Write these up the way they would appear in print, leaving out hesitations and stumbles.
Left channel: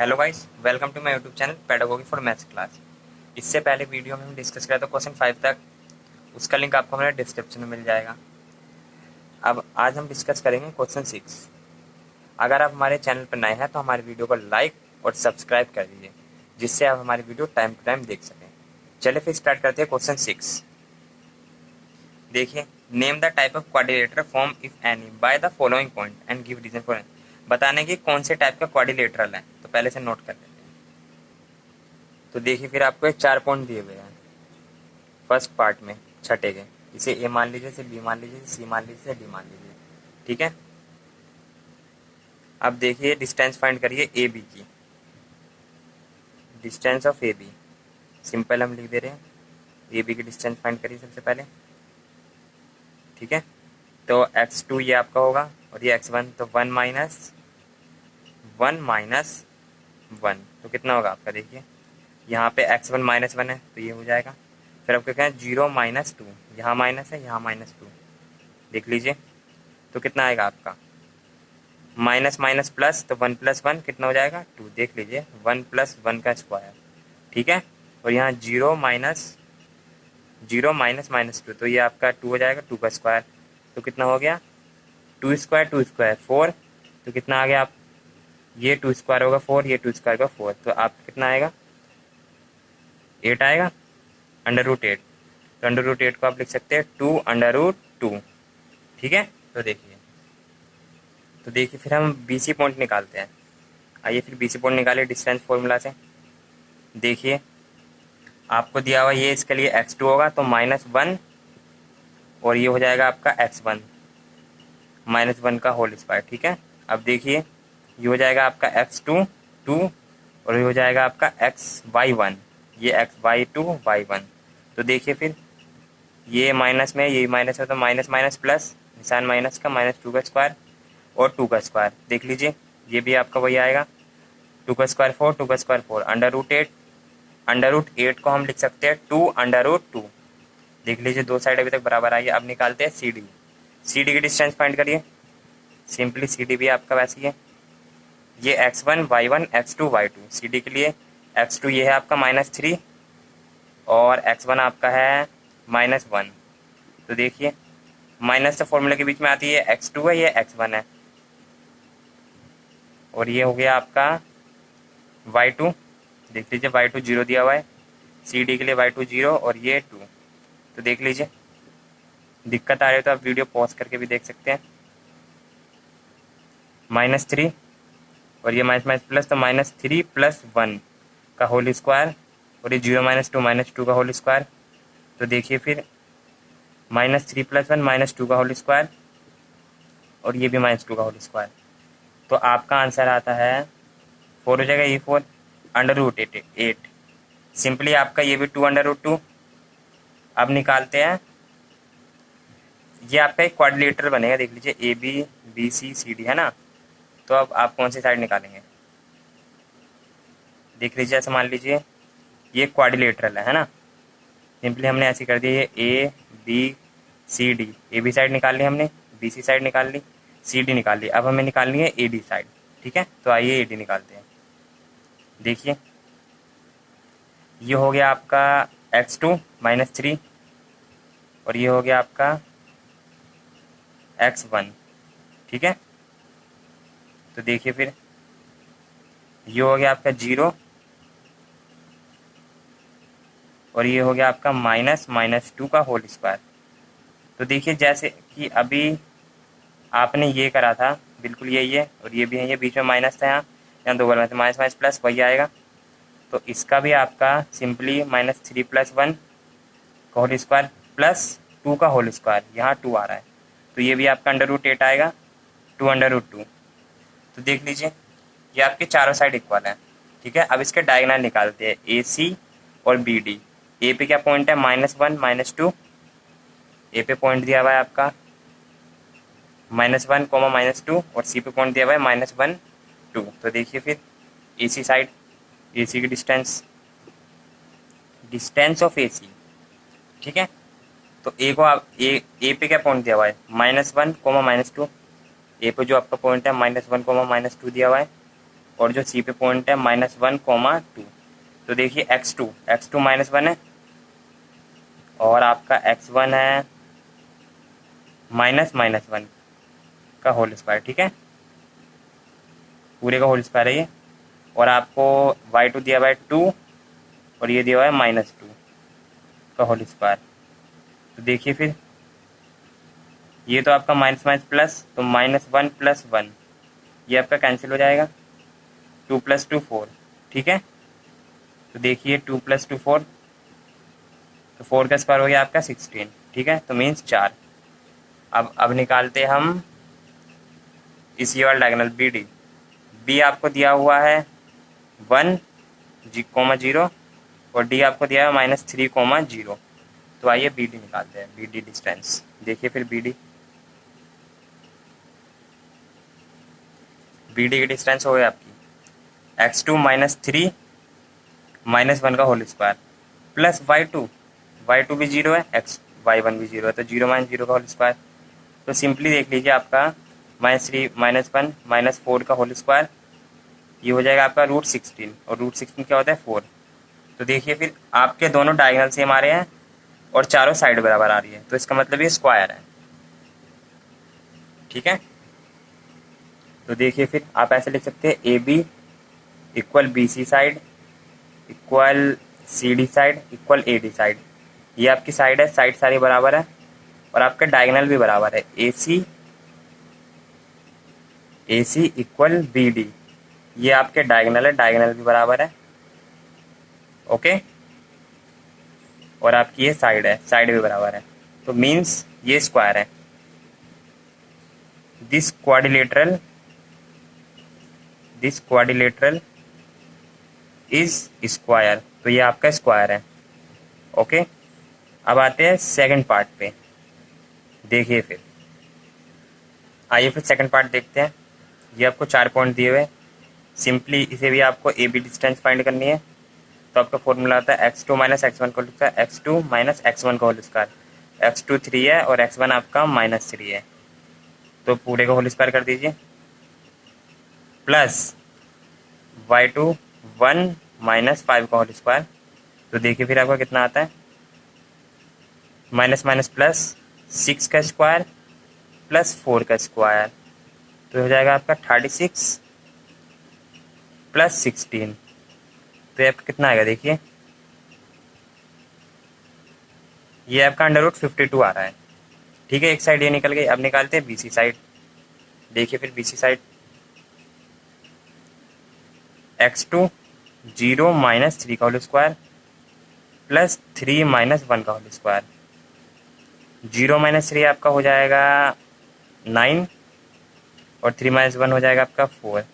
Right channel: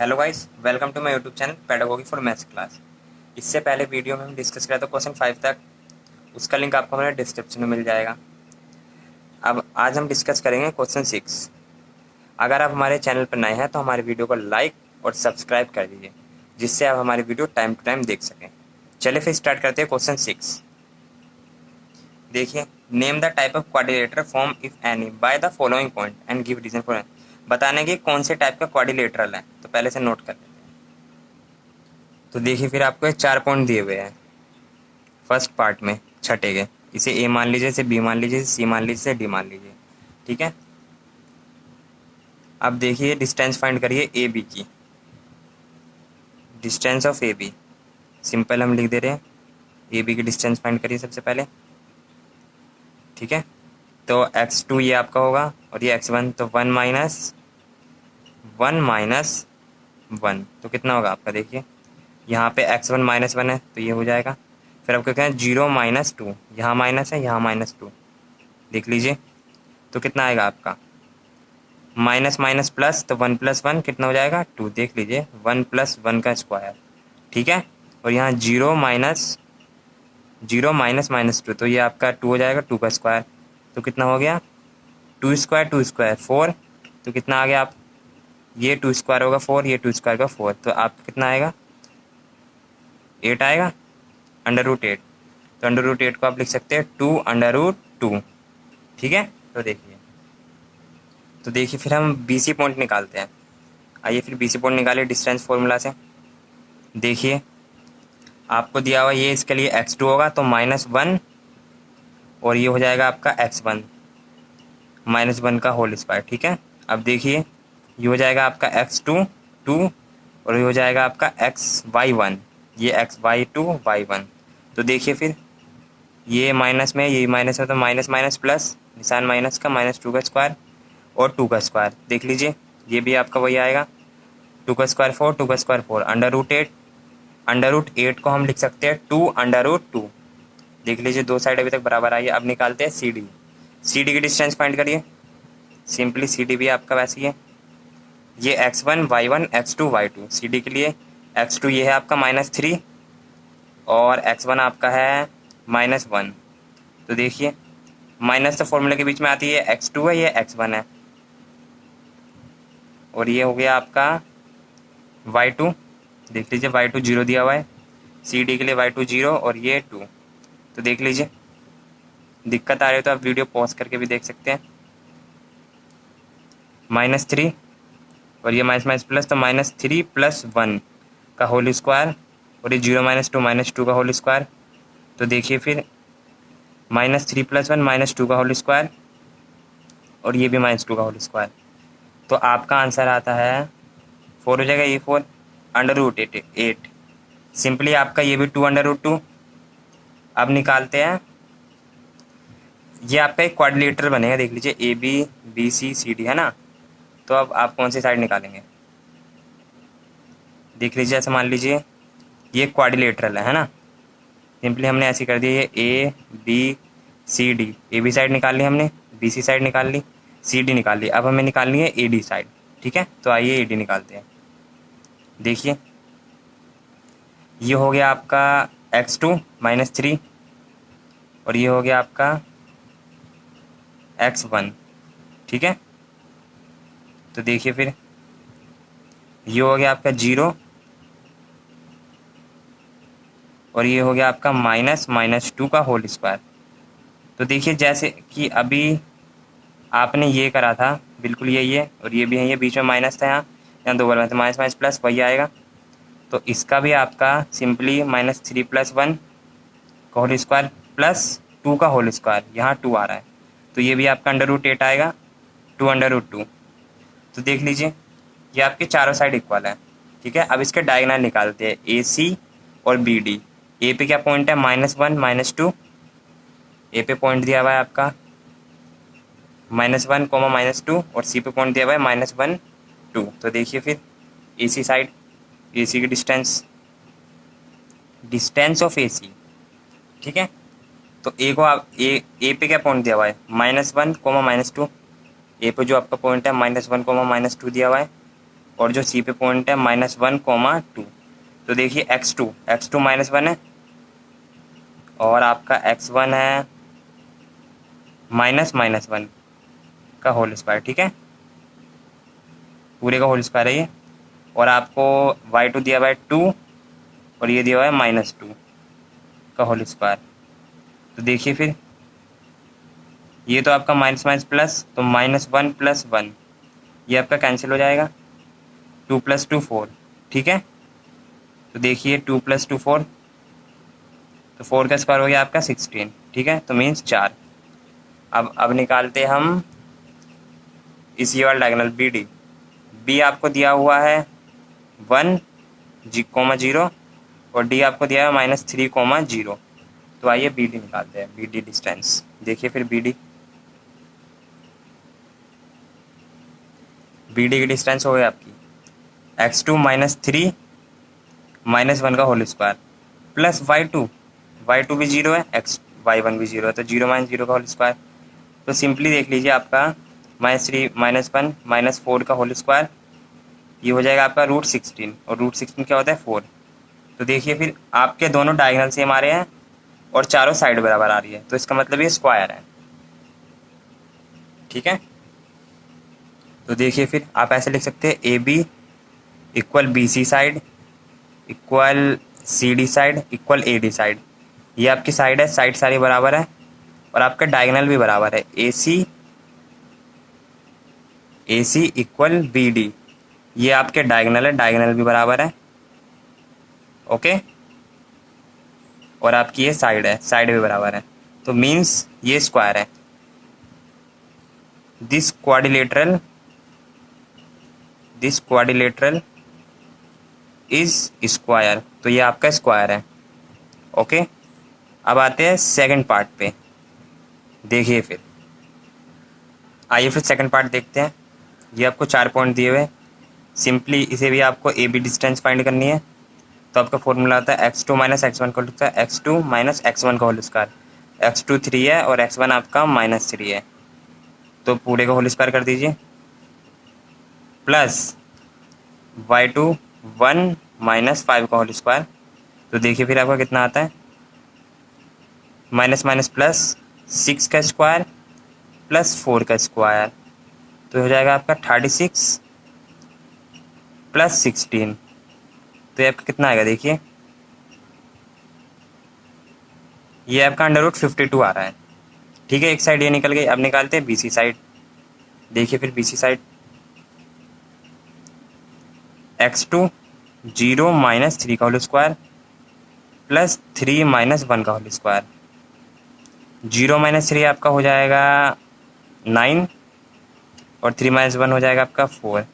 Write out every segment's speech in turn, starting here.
Hello guys, welcome to my YouTube channel pedagogy for maths class. इससे पहले video में हम डिस्कस किया था क्वेश्चन 5 तक, उसका लिंक आपको हमारे डिस्क्रिप्शन में मिल जाएगा। अब आज हम डिस्कस करेंगे क्वेश्चन 6। अगर आप हमारे चैनल पर नए हैं तो हमारे वीडियो को लाइक और सब्सक्राइब कर दीजिए, जिससे आप हमारी वीडियो टाइम टू टाइम देख सकें। चलिए फिर स्टार्ट करते हैं क्वेश्चन 6। देखिए, name the type of quadrilateral form if any by the following point and give reason for. बताने की कौन से टाइप का क्वाड्रिलेटरल है, तो पहले से नोट कर लेते हैं। तो देखिए, फिर आपको ये 4 पॉइंट दिए हुए हैं फर्स्ट पार्ट में, छठे के। इसे ए मान लीजिए, इसे बी मान लीजिए, सी मान लीजिए, इसे डी मान लीजिए। ठीक है। अब देखिए, डिस्टेंस फाइंड करिए ए बी की। Distance of A B simple हम लिख दे रहे हैं। ए बी की डिस्टेंस फाइंड करिए सबसे पहले। ठीक है। तो x2 ये आपका होगा और ये x1, तो 1 - 1 तो कितना होगा आपका। देखिए, यहाँ पे x1 -1 है तो ये हो जाएगा। फिर आपको क्या है, 0 - 2, यहाँ माइनस है, यहाँ -2। देख लीजिए, तो कितना आएगा आपका, माइनस माइनस प्लस, तो 1 + 1 कितना हो जाएगा, 2। देख लीजिए, 1 + 1 का स्क्वायर। ठीक है। और यहाँ 0 - 2, तो ये आपका 2 हो जाएगा, 2 का स्क्वायर। तो कितना हो गया, 2 स्क्वायर 2 स्क्वायर 4। तो कितना आ गया आप, ये 2 स्क्वायर होगा 4, ये 2 स्क्वायर का 4, तो आपका कितना आएगा, 8 आएगा, √8। तो √8 को आप लिख सकते हैं 2√2। ठीक है। तो देखिए फिर हम BC पॉइंट निकालते हैं। आइए फिर BC पॉइंट निकालिए डिस्टेंस फॉर्मूला से। देखिए, आपको दिया हुआ ये, इसके लिए x2 होगा तो -1, और ये हो जाएगा आपका x1 -1 का होल स्क्वायर। ठीक है। अब देखिए, ये हो जाएगा आपका x2 2, और ये हो जाएगा आपका xy1, ये xy2 y1। तो देखिए, फिर ये माइनस में, ये माइनस है, तो माइनस माइनस प्लस, निशान माइनस का, -2 का स्क्वायर और 2 का स्क्वायर। देख लीजिए, ये भी आपका वही आएगा, 2 का स्क्वायर 4, 2 का स्क्वायर 4, √8 को हम लिख सकते हैं 2√2। देख लीजिए, दो साइड अभी तक बराबर आई है। अब निकालते हैं सी डी की डिस्टेंस फाइंड करिए। सिंपली सी डी भी आपका वैसे ही है, ये x1 y1 x2 y2। C D के लिए x2 ये है आपका -3 और x1 आपका है -1। तो देखिए, माइनस तो फॉर्मूले के बीच में आती है, x2 है, ये x1 है, और ये हो गया आपका y2। देख लीजिए, y2 0 दिया हुआ है, सी डी के लिए y2 0 और ये 2। तो देख लीजिए, दिक्कत आ रही हो तो आप वीडियो पॉज करके भी देख सकते हैं। -3 और ये माइनस माइनस प्लस, तो -3 + 1 का होल स्क्वायर, और ये 0 - 2 -2 का होल स्क्वायर। तो देखिए, फिर -3 + 1 -2 का होल स्क्वायर, और ये भी -2 का होल स्क्वायर। तो आपका आंसर आता है 4 हो जाएगा, ये 4 √8। सिंपली आपका ये भी 2√2। अब निकालते हैं, ये आपका एक क्वाड्रिलेटरल बनेगा। देख लीजिए, AB BC CD है ना। तो अब आप कौन सी साइड निकालेंगे। देख लीजिए, ऐसे मान लीजिए ये क्वाड्रिलेटरल है ना। सिंपली हमने ऐसी कर दी, ये ABCD, AB साइड निकाल ली हमने, BC साइड निकाल ली, CD निकाल ली। अब हमें निकालनी है AD साइड। ठीक है। तो आइए AD निकालते हैं। देखिए, ये हो गया आपका x2 -3, और ये हो गया आपका x1। ठीक है। तो देखिए, फिर ये हो गया आपका 0, और ये हो गया आपका -2 का होल स्क्वायर। तो देखिए, जैसे कि अभी आपने ये करा था, बिल्कुल यही है, और ये भी है, ये बीच में माइनस था, यहाँ दो बार में, माइनस माइनस प्लस वही आएगा। तो इसका भी आपका सिंपली -3 + 1 का होल स्क्वायर प्लस 2 का होल स्क्वायर, यहाँ 2 आ रहा है, तो ये भी आपका √8 आएगा, 2√2। तो देख लीजिए, ये आपके चारों साइड इक्वल है। ठीक है। अब इसके डायगोनल निकालते हैं, AC और BD। ए पे क्या पॉइंट है, -1 -2। ए पे पॉइंट दिया हुआ है आपका -1, -2, और सी पे पॉइंट दिया हुआ है -1 2। तो देखिए, फिर AC साइड, AC की डिस्टेंस ऑफ AC। ठीक है। तो ए को आप ए पे क्या पॉइंट दिया हुआ है, -1, -2। ए पे जो आपका पॉइंट है -1, -2 दिया हुआ है, और जो सी पे पॉइंट है -1, 2। तो देखिए x2 -1 है और आपका x1 है -1 का होल स्क्वायर, ठीक है, पूरे का होल स्क्वायर है ये। और आपको y2 दिया हुआ है 2 और ये दिया हुआ है -2 का होल स्क्वायर। तो देखिए फिर ये तो आपका माइनस माइनस प्लस, तो -1 + 1 ये आपका कैंसिल हो जाएगा, 2 + 2 4, ठीक है। तो देखिए 2 + 2 4, तो 4 का स्क्वायर हो गया आपका 16, ठीक है, तो मीन्स 4। अब निकालते हम इसी वाला डायगोनल बी आपको दिया हुआ है 1, 0 और डी आपको दिया है -3, 0। तो आइए बी डी निकालते हैं, बी डी डिस्टेंस। देखिए फिर बी डी की डिस्टेंस हो गई आपकी x2 -3 -1 का होल स्क्वायर प्लस y2 भी 0 है, y1 भी 0 है, तो 0 - 0 का होल स्क्वायर। तो सिंपली देख लीजिए आपका -3 -1 -4 का होल स्क्वायर, ये हो जाएगा आपका √16, और √16 क्या होता है 4। तो देखिए फिर आपके दोनों डायगोनल सेम आ रहे हैं और चारों साइड बराबर आ रही है, तो इसका मतलब ये स्क्वायर है, ठीक है। तो देखिए फिर आप ऐसे लिख सकते हैं AB = BC side equal CD side equal AD side. ये आपकी साइड है, साइड सारी बराबर है और आपका डायगोनल भी बराबर है। AC = BD, ये आपके डायगोनल है, डायगोनल भी बराबर है, ओके। और आपकी ये साइड है, साइड भी बराबर है, तो मीन्स ये स्क्वायर है। दिस क्वाड्रिलेटरल इज स्क्वायर, तो ये आपका स्क्वायर है, ओके। अब आते हैं सेकंड पार्ट पे। देखिए फिर आइए फिर सेकंड पार्ट देखते हैं। ये आपको 4 पॉइंट दिए हुए, सिंपली इसे भी आपको ए बी डिस्टेंस फाइंड करनी है। तो आपका फॉर्मूला आता है x2 - x1 को लिखता है x2 - x1 का होल स्क्वायर। x2 3 है और x1 आपका -3 है, तो पूरे का होल स्क्वायर कर दीजिए, प्लस y2 1 - 5 का होल स्क्वायर। तो देखिए फिर आपका कितना आता है, माइनस माइनस प्लस 6 का स्क्वायर प्लस 4 का स्क्वायर, तो हो जाएगा आपका 36 + 16। तो ये आपका कितना आएगा, देखिए ये आपका √52 आ रहा है, ठीक है। एक साइड ये निकल गई। अब निकालते हैं BC साइड। देखिए फिर BC साइड x2 0 - 3 का होल स्क्वायर प्लस 3 - 1 का होल स्क्वायर। 0 - 3 आपका हो जाएगा 9 और 3 - 1 हो जाएगा आपका 4,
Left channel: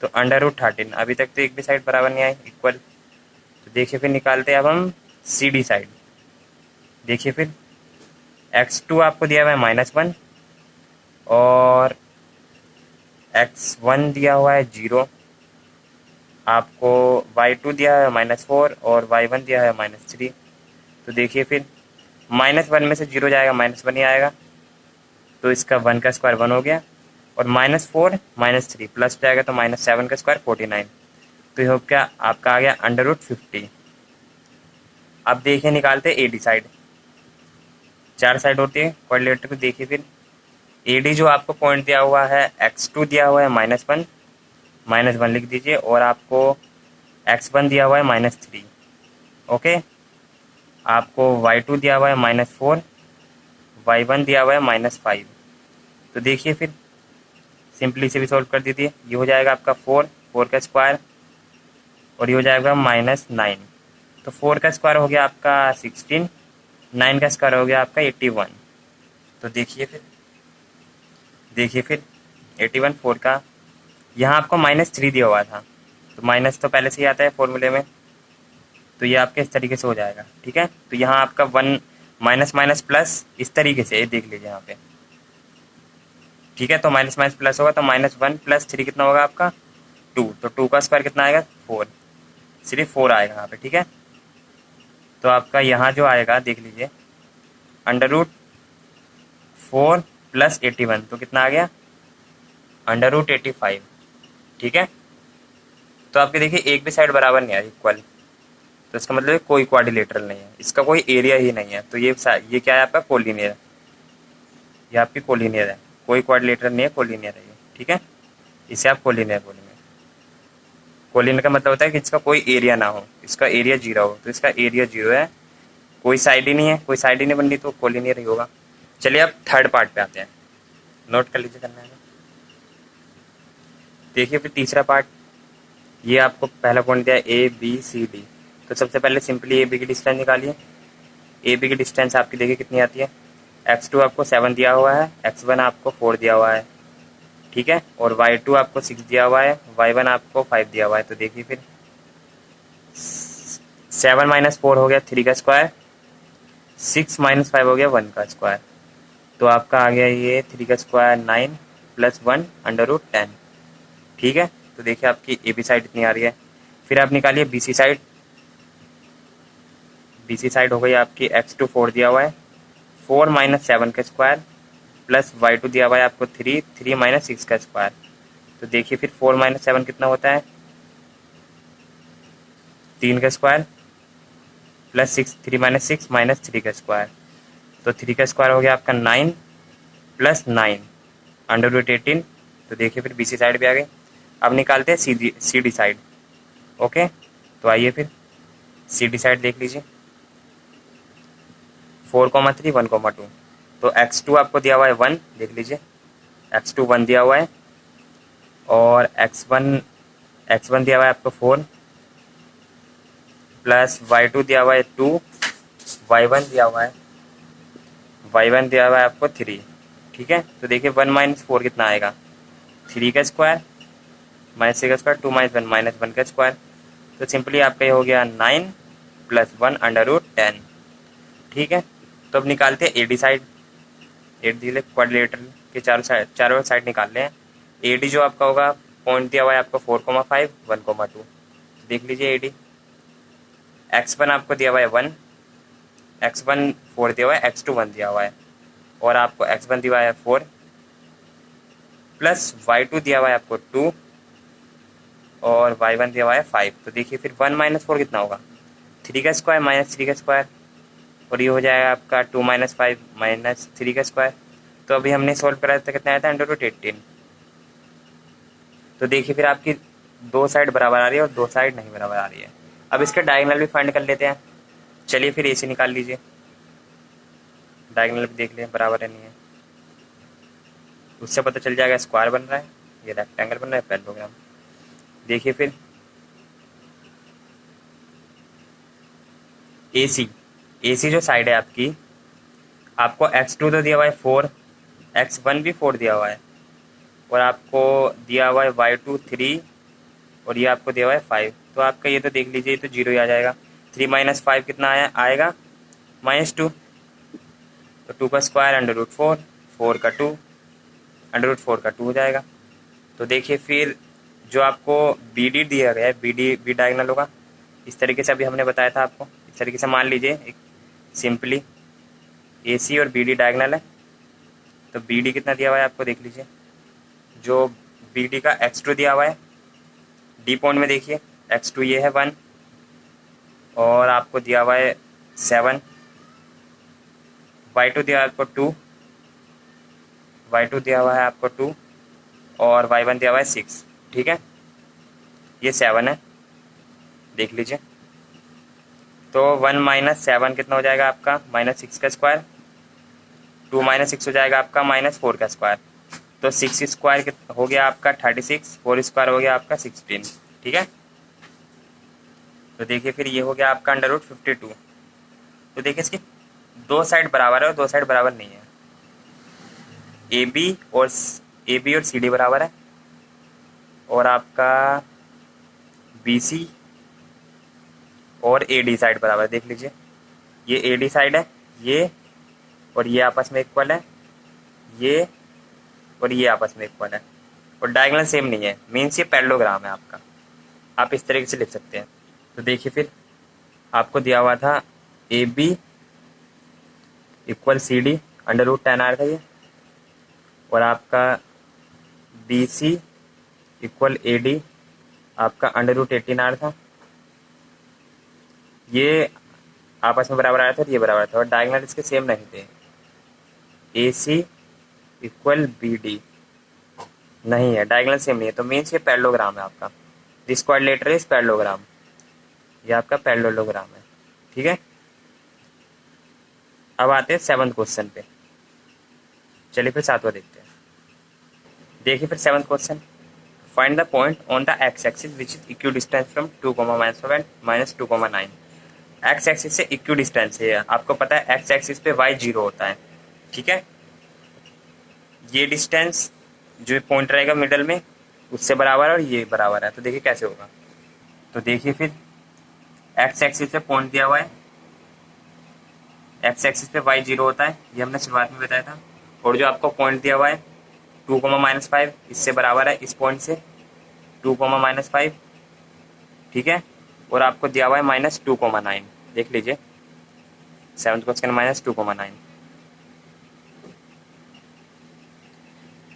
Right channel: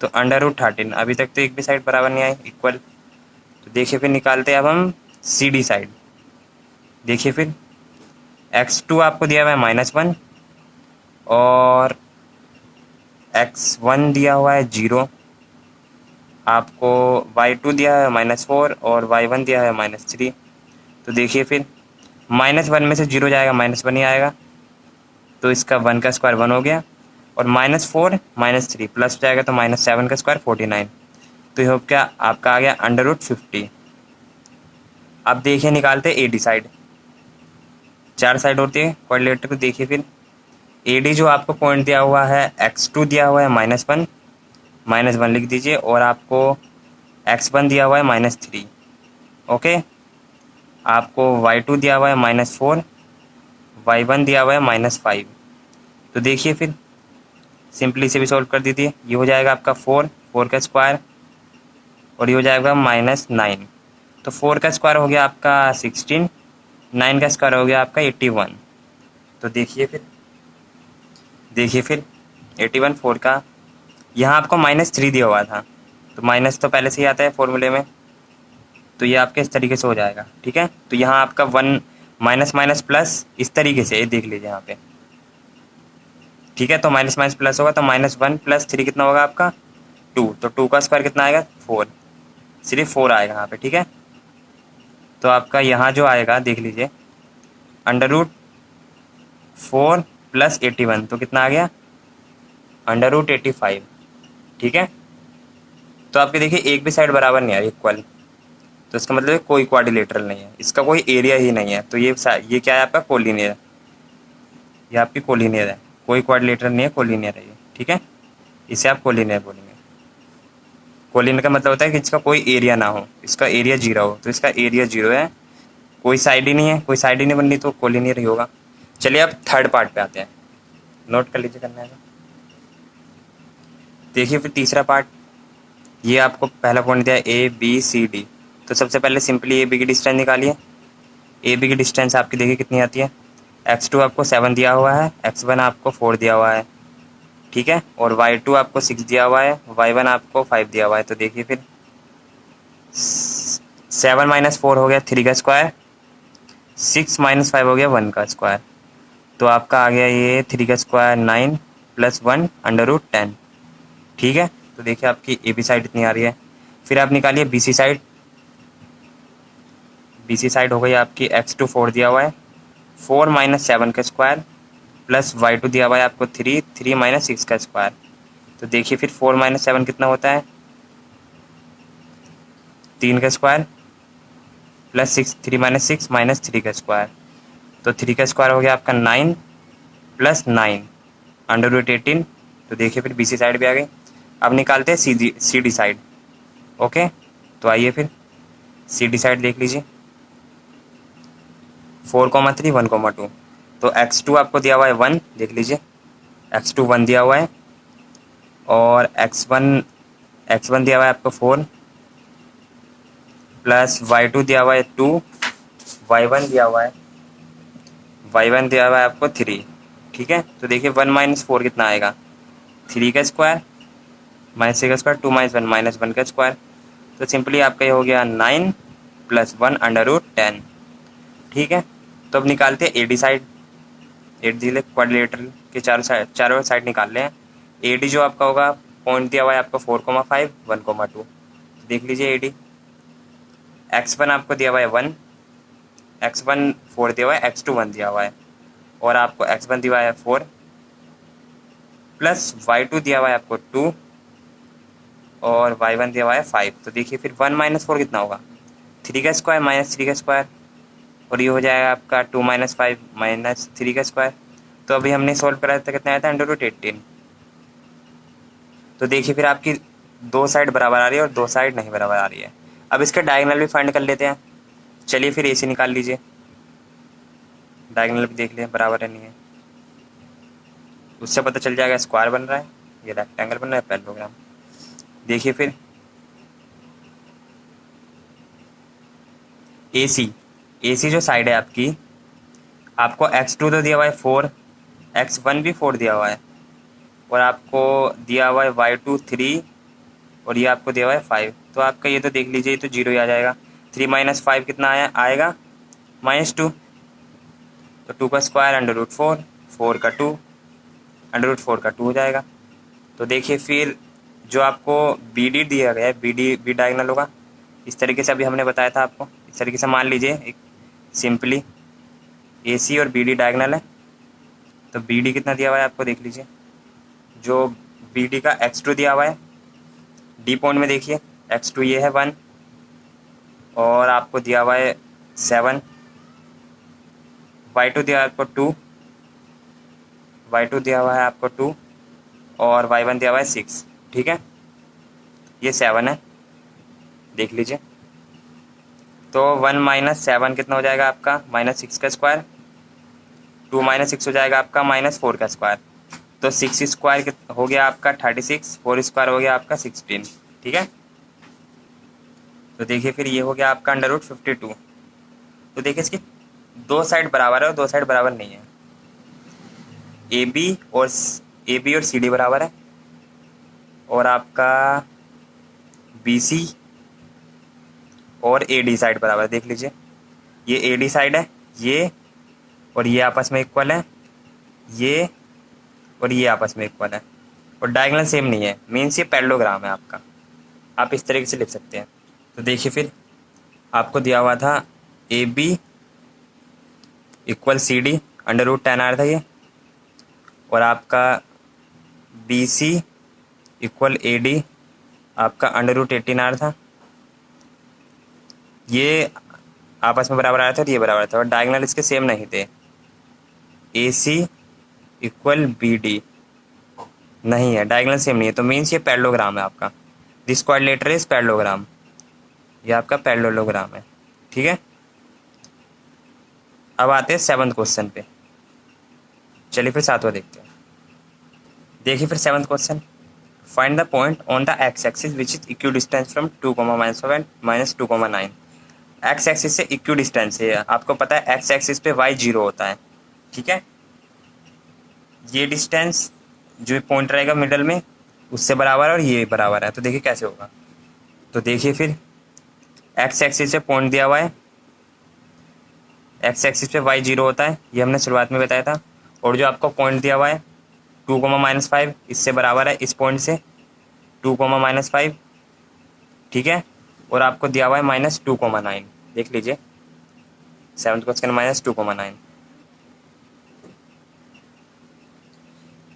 तो √13। अभी तक तो एक भी साइड बराबर नहीं आई, इक्वल। तो देखिए फिर निकालते हैं अब हम CD साइड। देखिए फिर x2 आपको दिया हुआ है -1 और x1 दिया हुआ है 0, आपको y2 दिया है -4 और y1 दिया है -3। तो देखिए फिर -1 में से 0 जाएगा, -1 ही आएगा, तो इसका 1 का स्क्वायर 1 हो गया, और -4 -3 प्लस जाएगा तो -7 का स्क्वायर 49। तो ये क्या आपका आ गया √50। अब देखिए निकालते हैं AD साइड। 4 साइड होती है क्वाड्रिलेटरल को। देखिए फिर AD जो आपको पॉइंट दिया हुआ है x2 दिया हुआ है -1 लिख दीजिए, और आपको x1 दिया हुआ है -3, ओके। आपको y2 दिया हुआ है -4, y1 दिया हुआ है -5। तो देखिए फिर सिंपली से भी सॉल्व कर दीजिए। ये हो जाएगा आपका 4 का स्क्वायर और ये हो जाएगा -9। तो 4 का स्क्वायर हो गया आपका 16, 9 का स्क्वायर हो गया आपका 81। तो देखिए फिर 81 4 का, यहाँ आपको -3 दिया हुआ था, तो माइनस तो पहले से ही आता है फॉर्मूले में, तो ये आपके इस तरीके से हो जाएगा, ठीक है। तो यहाँ आपका 1 माइनस माइनस प्लस इस तरीके से, ये देख लीजिए यहाँ पे, ठीक है। तो माइनस माइनस प्लस होगा, तो -1 + 3 कितना होगा आपका 2, तो 2 का स्क्वायर कितना आएगा 4, सिर्फ 4 आएगा यहाँ पे, ठीक है। तो आपका यहाँ जो आएगा देख लीजिए √4 + 81, तो कितना आ गया √85, ठीक है। तो आपके देखिए एक भी साइड बराबर नहीं है इक्वल, तो इसका मतलब कोई क्वाड्रिलेटरल नहीं है, इसका कोई एरिया ही नहीं है। तो ये क्या है आपका कोलिनियर है, ये आपकी कोलिनियर है, कोई क्वाड्रिलेटरल नहीं है, कोलिनियर है ये, ठीक है। इसे आप कोलिनियर बोलेंगे। कोलिनियर का मतलब होता है कि इसका कोई एरिया ना हो, इसका एरिया 0 हो, तो इसका एरिया 0 है, कोई साइड ही नहीं है, कोई साइड ही नहीं बन रही, तो कोलिनियर ही होगा। चलिए अब थर्ड पार्ट पे आते हैं, नोट कर लीजिए करना है तो। देखिए फिर तीसरा पार्ट, ये आपको पहला पॉइंट दिया ए बी सी डी। तो सबसे पहले सिंपली ए बी की डिस्टेंस निकालिए। ए बी की डिस्टेंस आपकी देखिए कितनी आती है, x2 आपको 7 दिया हुआ है, x1 आपको 4 दिया हुआ है, ठीक है, और y2 आपको 6 दिया हुआ है, y1 आपको 5 दिया हुआ है। तो देखिए फिर 7 माइनस 4 हो गया 3 का स्क्वायर, 6 माइनस 5 हो गया 1 का स्क्वायर, तो आपका आ गया ये 3 का स्क्वायर 9 प्लस 1 अंडर रूट 10, ठीक है। तो देखिए आपकी ए बी साइड इतनी आ रही है। फिर आप निकालिए B C side. B C side हो गई आपकी x2 4 दिया हुआ है, 4 माइनस 7 का स्क्वायर प्लस y2 दिया हुआ है आपको 3 माइनस 6 का स्क्वायर। तो देखिए फिर 4 माइनस 7 कितना होता है, 3 का स्क्वायर प्लस 6, 3 माइनस 6 माइनस 3 का स्क्वायर, तो 3 का स्क्वायर हो गया आपका 9 प्लस 9 अंडर रूट 18। तो देखिए फिर बी सी साइड भी आ गई। अब निकालते हैं सी डी साइड। ओके, तो आइए फिर सी डी साइड देख लीजिए, 4,3 1,2। तो x2 आपको दिया हुआ है 1, देख लीजिए x2 1 दिया हुआ है, और x1 दिया हुआ है आपको 4 प्लस y2 दिया हुआ है 2, y1 दिया हुआ है आपको 3, ठीक है। तो देखिए 1 माइनस 4 कितना आएगा, 3 का स्क्वायर माइनस 3 का स्क्वायर, 2 माइनस 1 माइनस 1 का स्क्वायर। तो सिंपली आपका ये हो गया 9 प्लस 1 अंडर रूट 10, ठीक है। तो अब निकालते हैं A D side. A D quadrilateral के चारों साइड निकाल लें। ए डी जो आपका होगा, पॉइंट दिया हुआ है आपको 4,5 1,2। देख लीजिए ए डी, x1 आपको दिया हुआ है 1, x1 4 दिया हुआ है, x2 1 दिया हुआ है, और आपको x1 दिया हुआ है 4 प्लस y2 दिया हुआ है आपको 2 और y1 दिया हुआ है 5। तो देखिए फिर 1 माइनस 4 कितना होगा, 3 का स्क्वायर माइनस 3 का स्क्वायर, और ये हो जाएगा आपका 2 माइनस 5 माइनस 3 का स्क्वायर। तो अभी हमने सॉल्व कराया था, कितना आया था, अंडर रूट 18। तो देखिए फिर आपकी दो साइड बराबर आ रही है और दो साइड नहीं बराबर आ रही है। अब इसके डायगोनल भी फाइंड कर लेते हैं। चलिए फिर ए सी निकाल लीजिए, डायगोनल भी देख लें बराबर है नहीं है, उससे पता चल जाएगा स्क्वायर बन रहा है, ये रेक्टेंगल बन रहा है, पैरेललोग्राम। देखिए फिर ए सी जो साइड है आपकी, आपको x2 तो दिया हुआ है 4, x1 भी 4 दिया हुआ है, और आपको दिया हुआ है y2 3, और ये आपको दिया हुआ है 5। तो आपका ये तो देख लीजिए, ये तो 0 ही आ जाएगा। 3 माइनस 5 कितना आएगा, -2। तो 2 का स्क्वायर अंडर रूट 4, 4 का 2 अंडर रूट 4 का 2 हो जाएगा। तो देखिए फिर जो आपको बी डी दिया गया है, बी डायगोनल होगा इस तरीके से, अभी हमने बताया था आपको। इस तरीके से मान लीजिए एक सिंपली ए सी और बी डी डायगोनल है। तो बी डी कितना दिया हुआ है आपको, देख लीजिए, जो बी डी का x2 दिया हुआ है, डी पॉइंट में देखिए x2 ये है 1, और आपको दिया हुआ है 7, y2 दिया है आपको 2, y2 दिया हुआ है आपको 2, और y1 दिया हुआ है 6, ठीक है। ये 7 है, देख लीजिए। तो 1 माइनस 7 कितना हो जाएगा आपका, -6 का स्क्वायर, 2 माइनस 6 हो जाएगा आपका -4 का स्क्वायर। तो 6 स्क्वायर हो गया आपका 36, 4 स्क्वायर हो गया आपका 16, ठीक है। तो देखिए फिर ये हो गया आपका अंडर रूट 52। तो देखिए इसकी दो साइड बराबर है और दो साइड बराबर नहीं है। ए बी और सी डी बराबर है, और आपका बी सी और ए डी साइड बराबर है। देख लीजिए ये ए डी साइड है, ये और ये आपस में इक्वल है, ये और ये आपस में इक्वल है, और डायगोनल सेम नहीं है, मीन्स ये पैरेललोग्राम है आपका। आप इस तरीके से लिख सकते हैं। तो देखिए फिर आपको दिया हुआ था A B equal C D, under root 10 आ रहा था ये, और आपका B C equal A D आपका √18r था, ये आपस में बराबर आया था और ये बराबर था, और डायगोनल इसके सेम नहीं थे। AC इक्वल BD नहीं है, डायगोनल सेम नहीं है, तो मीन्स ये पैरेललोग्राम है आपका। दिस क्वाड्रिलेटरल इज पैरेललोग्राम, ये आपका पैरेललोग्राम है। ठीक है, अब आते हैं 7th क्वेश्चन पे। चलिए फिर 7वां देखते हैं। देखिए फिर 7th question, find the point on the x axis which is equi distance from 2,-5 and -2,9। X axis से इक्वी डिस्टेंस है, आपको पता है एक्स एक्सिस पे y 0 होता है। ठीक है, ये डिस्टेंस जो पॉइंट रहेगा मिडल में उससे बराबर है और ये बराबर है, तो देखिए कैसे होगा। तो देखिए फिर एक्स एक्सिस से पॉइंट दिया हुआ है, एक्स एक्सिस पे y 0 होता है, ये हमने शुरुआत में बताया था। और जो आपको पॉइंट दिया हुआ है 2,-5 इससे बराबर है इस पॉइंट से 2,-5। ठीक है, और आपको दिया हुआ है -2,9। देख लीजिए 7th क्वेश्चन -2,9।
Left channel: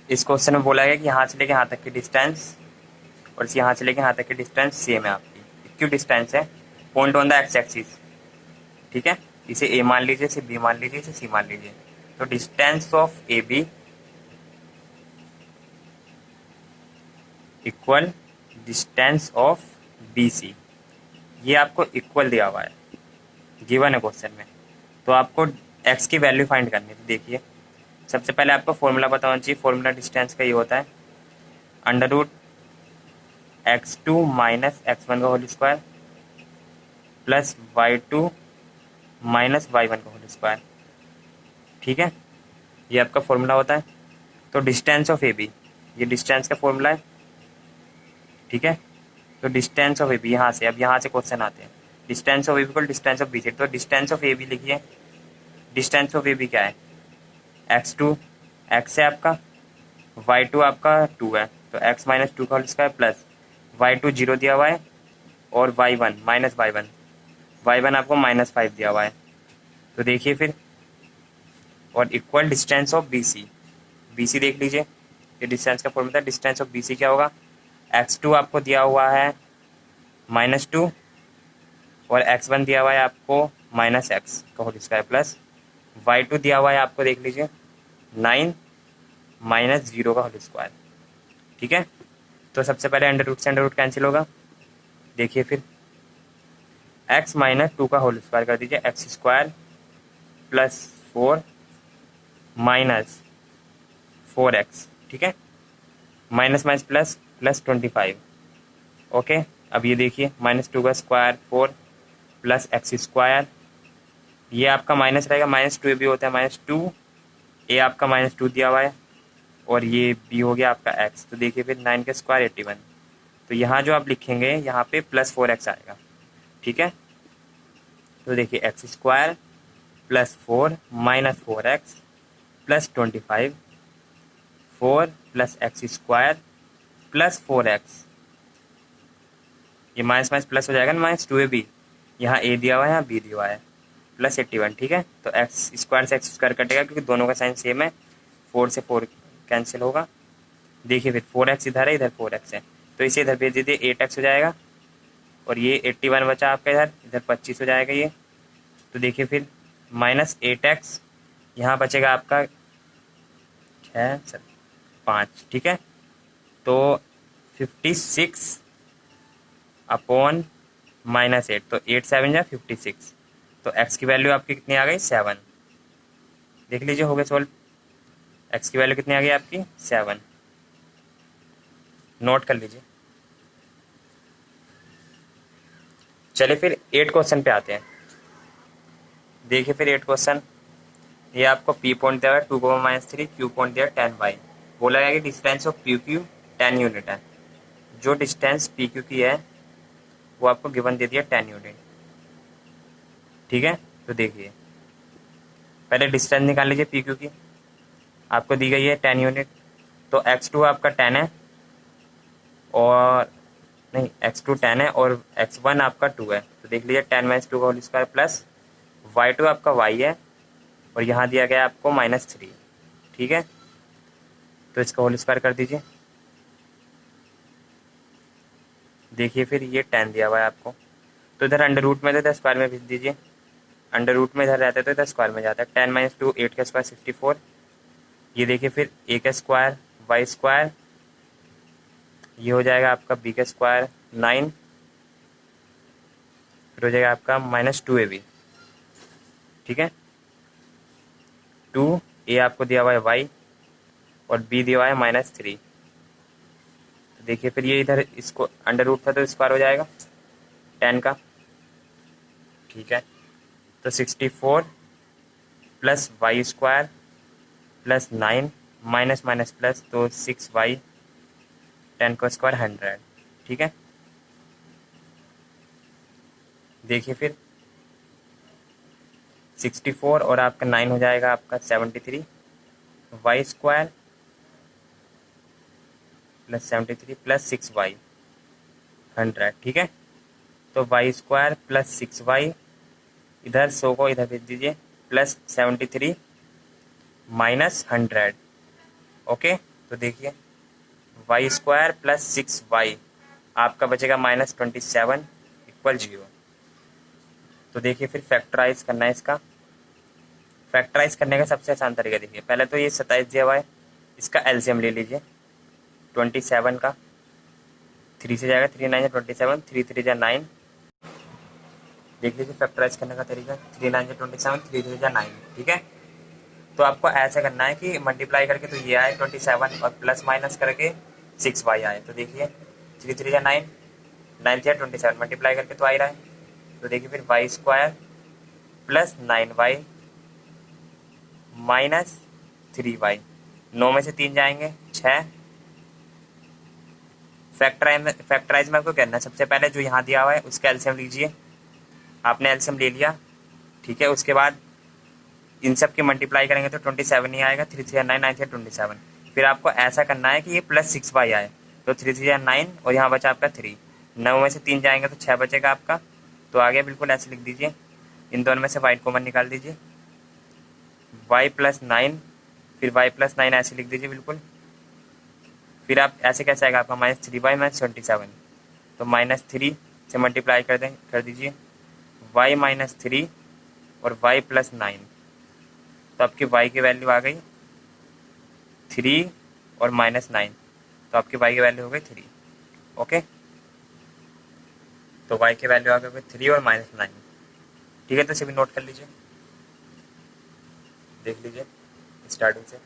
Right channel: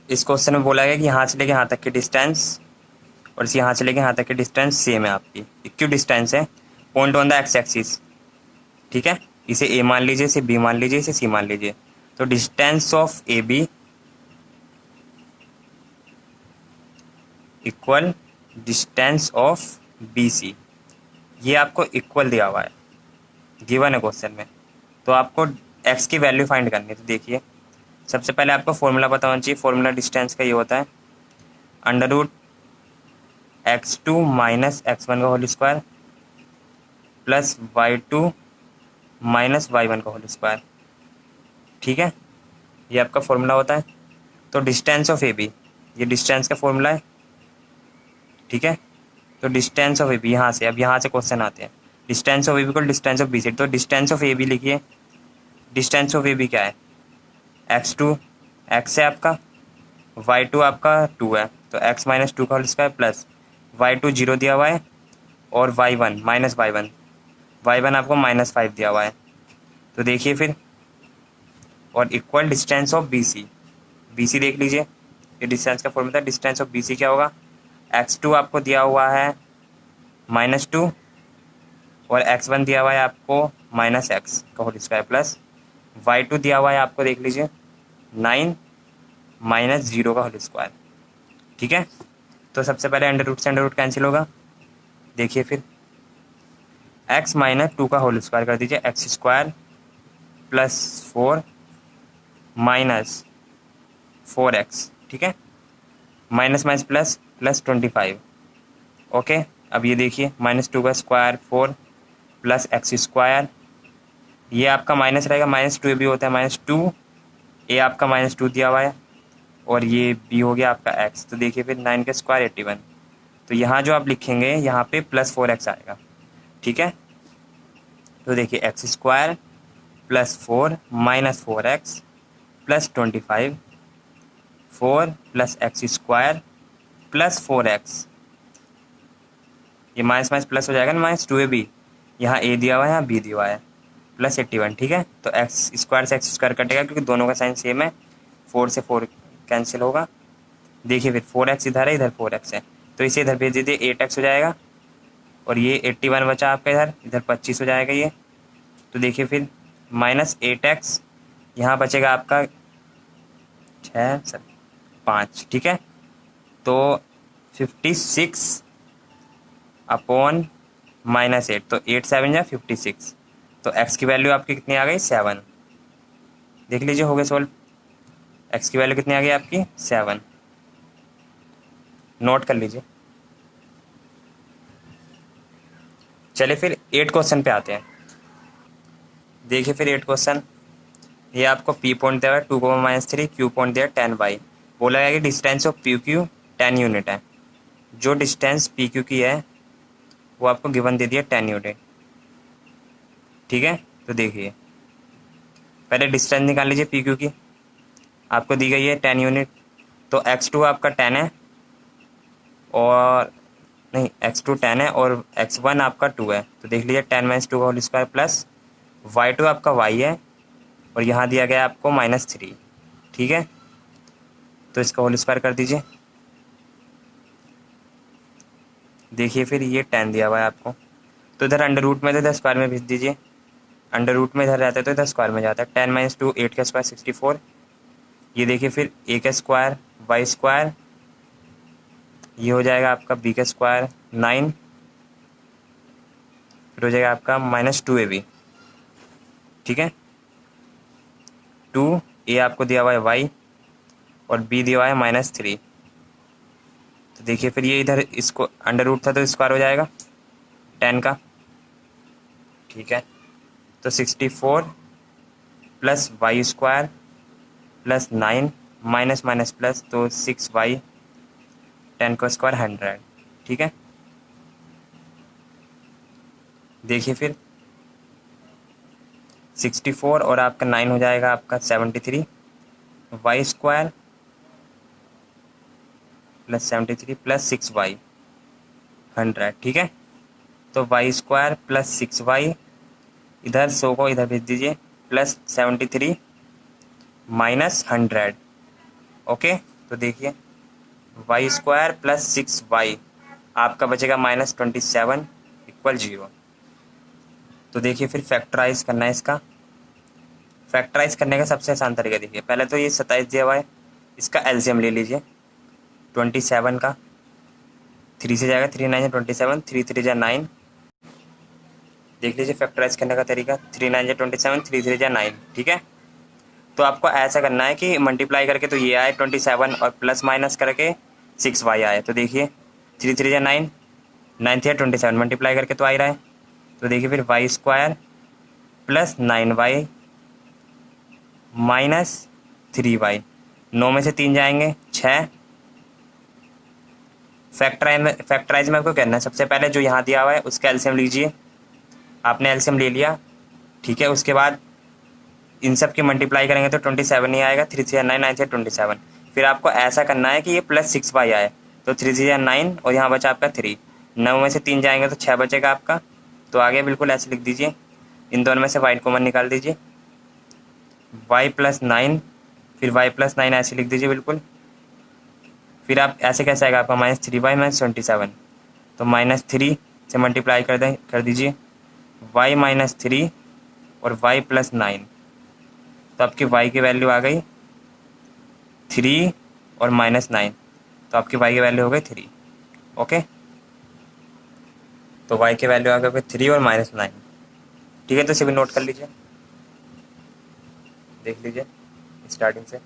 इस क्वेश्चन में बोला गया कि यहाँ से लेके यहाँ तक की डिस्टेंस और इस यहाँ से लेके यहाँ तक की डिस्टेंस सेम है, आपकी इक्वी डिस्टेंस है, point on the x axis. ठीक है, इसे ए मान लीजिए, इसे बी मान लीजिए, इसे सी मान लीजिए। तो distance of A B equal distance of B C, ये आपको इक्वल दिया हुआ है, गिवन है क्वेश्चन में। तो आपको एक्स की वैल्यू फाइंड करनी है। तो देखिए सबसे पहले आपको फॉर्मूला पता होना चाहिए। फॉर्मूला डिस्टेंस का ये होता है √x2 - x1 का whole square plus y2 - y1 का होल स्क्वायर। ठीक है, ये आपका फॉर्मूला होता है। तो डिस्टेंस ऑफ ए बी, ये डिस्टेंस का फॉर्मूला है। ठीक है, तो डिस्टेंस ऑफ ए बी यहाँ से, अब यहाँ से क्वेश्चन आते हैं। डिस्टेंस ऑफ ए बी को डिस्टेंस ऑफ बी से, तो डिस्टेंस ऑफ ए बी लिखिए। डिस्टेंस ऑफ ए बी क्या है, x2, x है आपका, y2 आपका 2 है, तो x - 2 का होल स्क्वायर प्लस y2 0 दिया हुआ है और y1 -y1 आपको -5 दिया हुआ है। तो देखिए फिर, और equal distance of BC, BC देख लीजिए, ये डिस्टेंस का फॉर्मूला, डिस्टेंस ऑफ BC क्या होगा, x2 आपको दिया हुआ है -2 और x1 दिया हुआ है आपको -x का होल स्क्वायर प्लस y2 दिया हुआ है आपको, देख लीजिए 9 -0 का होल स्क्वायर। ठीक है, तो सबसे पहले अंडर रूट से अंडर रूट कैंसिल होगा। देखिए फिर x - 2 का होल स्क्वायर कर दीजिए, x² + 4 - 4x। ठीक है, minus minus plus plus 25। Okay, अब ये देखिए -2 का स्क्वायर 4 प्लस x², ये आपका माइनस रहेगा, -2 भी होता है, -2 ए आपका -2 दिया हुआ है और ये बी हो गया आपका x। तो देखिए फिर 9 का स्क्वायर 81, तो यहाँ जो आप लिखेंगे यहाँ पे +4x आएगा। ठीक है, तो देखिए x² + 4 - 4x + 25, 4 + x² + 4x, ये माइनस माइनस प्लस हो जाएगा ना, -2 AB, यहाँ a दिया हुआ है, यहाँ b दिया हुआ है, +81। ठीक है, तो x² से x² कटेगा क्योंकि दोनों का साइन सेम है, 4 से 4 कैंसिल होगा। देखिए फिर 4x इधर है, इधर 4x है, तो इसे इधर भेज दीजिए, 8x हो जाएगा और ये 81 बचा आपका, इधर इधर 25 हो जाएगा ये। तो देखिए फिर -8x, यहाँ बचेगा आपका 6 5। ठीक है, तो 56 अपॉन -8, तो 8 7 या 56, तो x की वैल्यू आपकी कितनी आ गई, 7। देख लीजिए हो गया सॉल्व, x की वैल्यू कितनी आ गई आपकी, 7। नोट कर लीजिए। चलिए फिर 8 क्वेश्चन पे आते हैं। देखिए फिर 8 क्वेश्चन, ये आपको P पॉइंट दिया हुआ है 2, -3, Q पॉइंट दिया है 10y। बोला गया कि डिस्टेंस ऑफ PQ 10 यूनिट है। जो डिस्टेंस PQ की है वो आपको गिवन दे दिया 10 यूनिट। ठीक है, तो देखिए पहले डिस्टेंस निकाल लीजिए PQ की, आपको दी गई है 10 यूनिट। तो x2 आपका 10 है और नहीं, x2 10 है और x1 आपका 2 है, तो देख लीजिए 10 - 2 का होल स्क्वायर प्लस y2 आपका y है और यहाँ दिया गया आपको -3। ठीक है, तो इसका होल स्क्वायर कर दीजिए। देखिए फिर ये 10 दिया हुआ है आपको, तो इधर अंडर रूट में तो इधर स्क्वायर में भेज दीजिए। अंडर रूट में इधर रहता है तो इधर स्क्वायर में जाता है। 10 माइनस 2 8 का स्क्वायर 64। ये देखिए फिर ए का स्क्वायर वाई स्क्वायर, ये हो जाएगा आपका बी का स्क्वायर 9, फिर हो जाएगा आपका माइनस 2ab। ठीक है, 2 ए आपको दिया हुआ है वाई और बी दिया हुआ है -3। तो देखिए फिर ये इधर इसको अंडर रूट था तो स्क्वायर हो जाएगा 10 का। ठीक है, तो 64 plus Y square plus 9 minus minus plus, तो 6y 10 का स्क्वायर 100। ठीक है, देखिए फिर 64 और आपका 9 हो जाएगा आपका 73 Y square plus 73 plus 6y 100। ठीक है, तो वाई स्क्वायर प्लस 6y, इधर 100 को इधर भेज दीजिए, प्लस 73 माइनस 100। ओके, तो देखिए वाई स्क्वायर प्लस 6y आपका बचेगा -27 इक्वल 0। तो देखिए फिर फैक्टराइज करना है इसका। फैक्टराइज करने का सबसे आसान तरीका देखिए, पहले तो ये 27 दिया हुआ है, इसका एलसीएम ले लीजिए 27 का, 3 से जाएगा 3 9 27, 3 3 जा 9। देख लीजिए फैक्टराइज करने का तरीका, 3 9 27, 3 3 जा 9। ठीक है, तो आपको ऐसा करना है कि मल्टीप्लाई करके तो ये आए 27 और प्लस माइनस करके 6y आए। तो देखिए 3 3 जा 9, 9 3 27, मल्टीप्लाई करके तो आ ही रहा है। तो देखिए फिर Y square plus 9y -3y, 9 में से 3 जाएंगे 6। फैक्टराइज में आपको करना है, सबसे पहले जो यहाँ दिया हुआ है उसका एलसीएम लीजिए। आपने एलसीएम ले लिया, ठीक है, उसके बाद इन सब की मल्टीप्लाई करेंगे तो 27 ही आएगा, 3 3 9 9 3 27। फिर आपको ऐसा करना है कि ये प्लस 6y आए, तो 3 3 9 और यहाँ बचा आपका 3, 9 में से 3 जाएंगे तो 6 बचेगा आपका। तो आगे बिल्कुल ऐसे लिख दीजिए, इन दोनों में से वाई कॉमन निकाल दीजिए, y प्लस 9, फिर y प्लस 9 ऐसे लिख दीजिए बिल्कुल। फिर आप ऐसे कैसे आएगा आपका -3y -27, तो -3 से मल्टीप्लाई कर दीजिए y -3 और y प्लस 9, तो आपकी y की वैल्यू आ गई 3 और -9, तो आपकी y की वैल्यू हो गई 3। ओके, तो y की वैल्यू आ गई 3 और -9। ठीक है, तो सभी नोट कर लीजिए, देख लीजिए स्टार्टिंग से।